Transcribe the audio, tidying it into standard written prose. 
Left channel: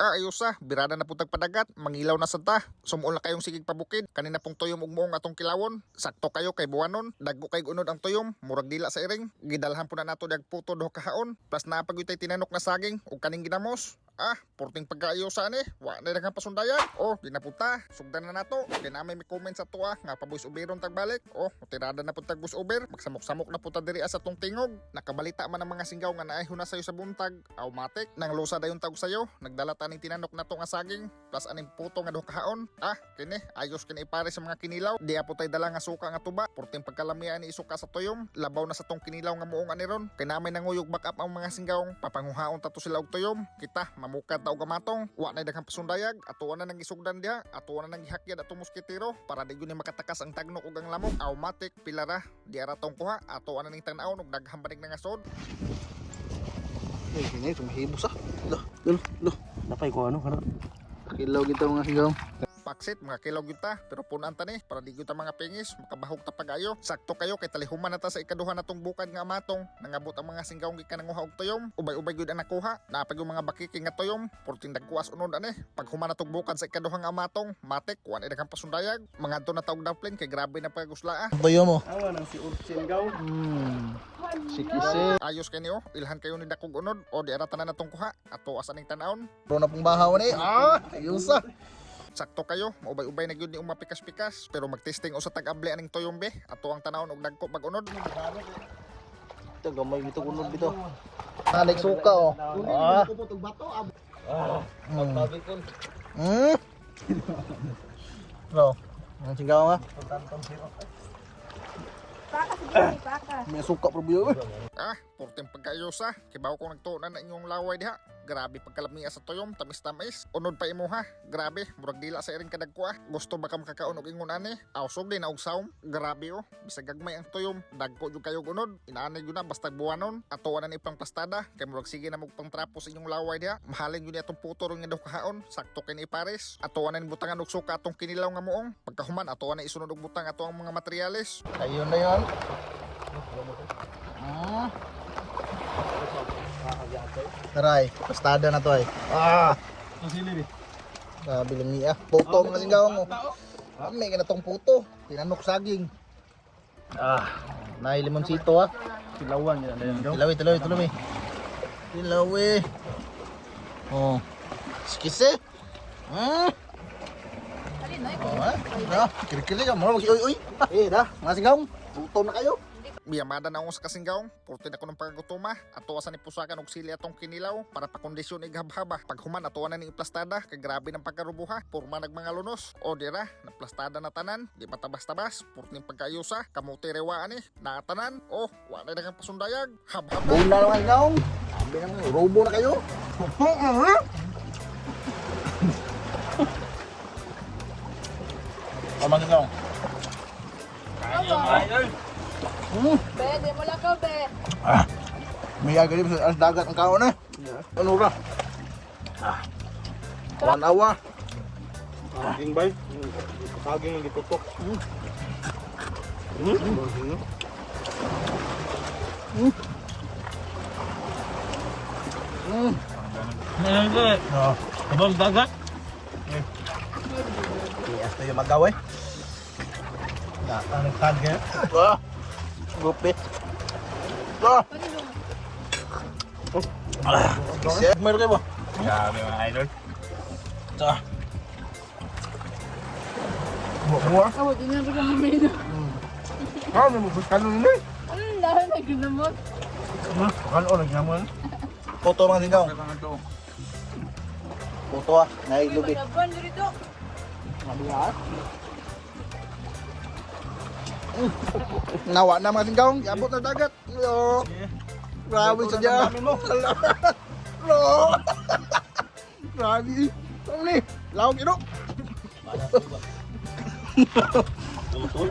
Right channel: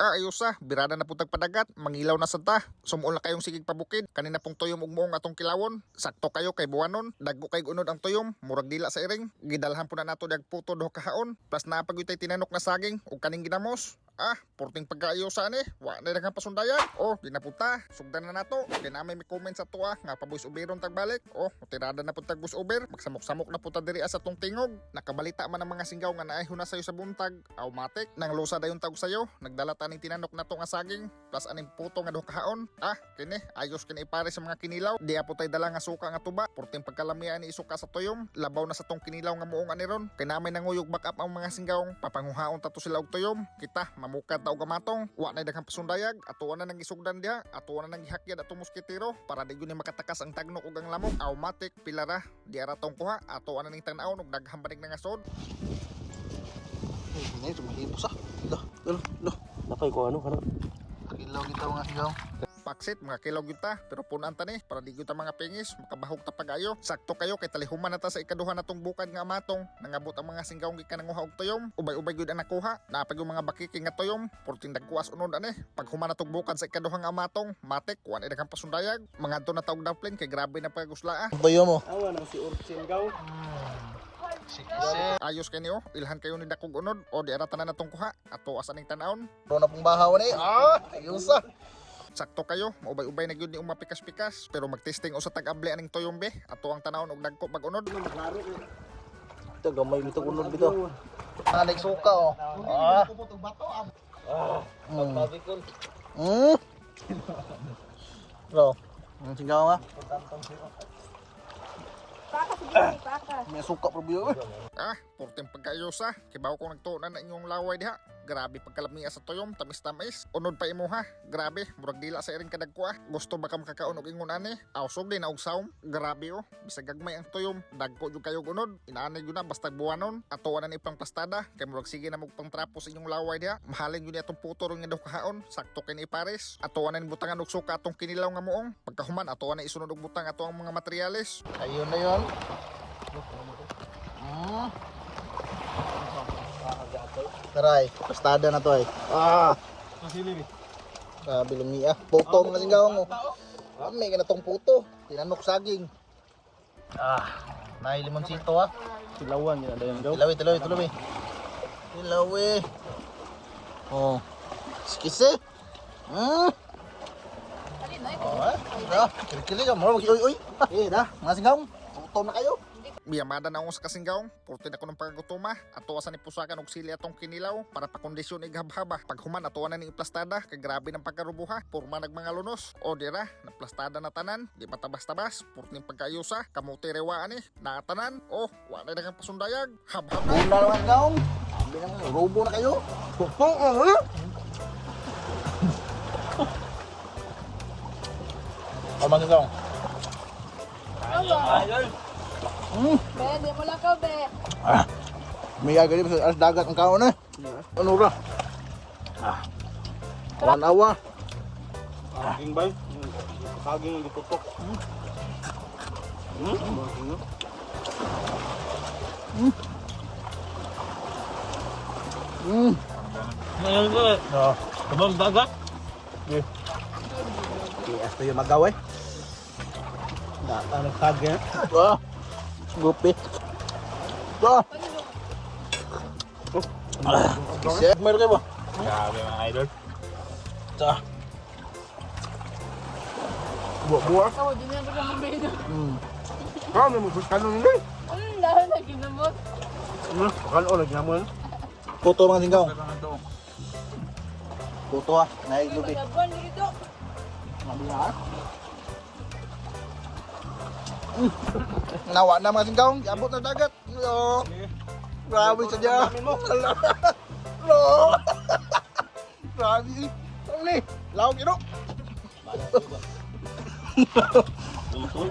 Ayusa, birada na putag padagat, mangilaw na santa. Sumuol na kayong sigig pabukid, kanina pong tuyom ugmoong atong kilawon. Sakto kayo kay buwanon, daggo kay unod ang tuyom, murag dila sa iring. Gidalhan po na nato dag puto do kahaon, plus napagutay tinanok na saging ug kaning ginamos. Porting pagkaayosa ni, wa na daghang pasundayan. Ginapunta, sugdan na nato. Kay na may comment sa tuwa nga pa voice overon tagbalik. Tirada na pud tag voice over, magsamok-samok na pud ta diri sa tong tingog. Nakabalita man ang mga singgaw nga naay huna sayo sa buntag, automatic nang lusa dayon tag sayo, nagdala taning tinanok nato nga saging, plus aning puto nga do kahaon. Kini ayos kini ipare sa mga kinilaw. Di apo tay dala nga suka nga tuba, porting pagkalamian ni isuka sa tuyom, labaw na sa tong kinilaw nga muong aniron. Kay namay nanguyog back up ang mga singgaw, papanguhaon tato sila og tuyom. Kita mamukad ta og gamatong, wa na daghang pasundayag, atuwa na nang isugdan diha, atuwa na nang gihakyad atong musketero para di gyud ni makatakas ang tagnok ug ang lamok. Automatic pilara di ara tong kuha, atuwa na ning tanaw ug daghang banig na nga sod. Ini sumahimos Loh, napay ko ano. Kilaw kita mga singgaw. Paksit, mga kilaw kita, pero punan ta ni para di gyud ta mga pingis, makabahog ta pagayo. Sakto kayo kay talihuman na ta sa ikaduha natong bukad nga amatong, nangabot ang mga singgaw gikan nanguha og tuyom. Ubay-ubay gyud ang nakuha, naapag yung mga bakiki nga tuyom, porting dagkuas unod ani. Pag human natong bukad sa ikaduha nga amatong, matik kuan daghang pasundayag. Mangadto na taog dumpling kay grabe na pagusla. Tuyom mo. Nang si singgaw. Sikisi. Ayos kay niyo, ilhan kayo ni dakog unod o di ara tanan natong kuha. Ato asan ning tan-aon. Puna pong bahaw ni. Ayusa. Sakto kayo, maubay-ubay na gyud ni umapikas-pikas, pero magtesting o sa tag-able aning tuyombe, ato ang tanawon og dagko pag-unod. Ito gamay nito unod bitaw. Nagsuka Bro, ang singgaw nga. May suka po biyo. Porting pagkaayosa, kibaw kung nagtuunan na inyong laway diha. Grabe pagkalamiya sa tuyom, tamis-tamis. Unod pa imuha, grabe, murag dila sa iring kadagkuha. Gusto ba ka makakaon og ingon ani? Awsog din na og saom. Grabe bisag gagmay ang tuyom, dagko jud kayo unod. Inaanay jud na basta buwanon. Atuwa na ni pang plastada, kay murag sige na mog pangtrapo sa inyong laway diha. Mahalin jud ni atong puto ron nga daw kahaon, sakto kay ni pares. Atuwa na ni butangan og suka atong kinilaw nga muong. Pagkahuman atuwa na isunod og butang ato ang mga materyales. Ayun na yun. Taray, pastada na to ay. Sabi lang niya. Puto mga singgaw mo. May ganatong puto. Tinan mo saging. Naay limonsito Silawan yan. Tilawi. Sikisi. Kiri-kiri ka mo. Uy. Mga singgaw. Puto na kayo. Miyamada na akong sa kasinggaw, porte na ko ng pagkagutuma, atuwa sa nipusakan og sili atong kinilaw para pakondisyon ighabhaba. Pag human atuwa na ning iplastada, kay grabe ng pagkarubuha, purma nagmanga lunos. O dira, naplastada na tanan, di matabas-tabas, porte ning pagkaayusa, kamuti rewaan nakatanan, wa na daghang pasundayag, habhab na. Wala lang singgaw. Robo na kayo. Mga singgaw. Bede, wala ko, be. May agad sa as dagat ang kaon eh. Ano ba? Wanawa. Saging bay. Saging yung gitutok. Ibang dagat. Ito yung magaw eh. Ang saging. Gupit. Meron kayo ba? Grabe mga idol. Ito. Buwa. Oo, di na rin Ano mo gusto mo nila? lahat na ginamot. Ano naglaman? Puto mga singgaw. Puto nailubi. Laban dito. Nawa na mga singgaw. Abot na dagat. Yo. Wabi sa dyan. Wabi. Ano ni? Lawag yun. Puto.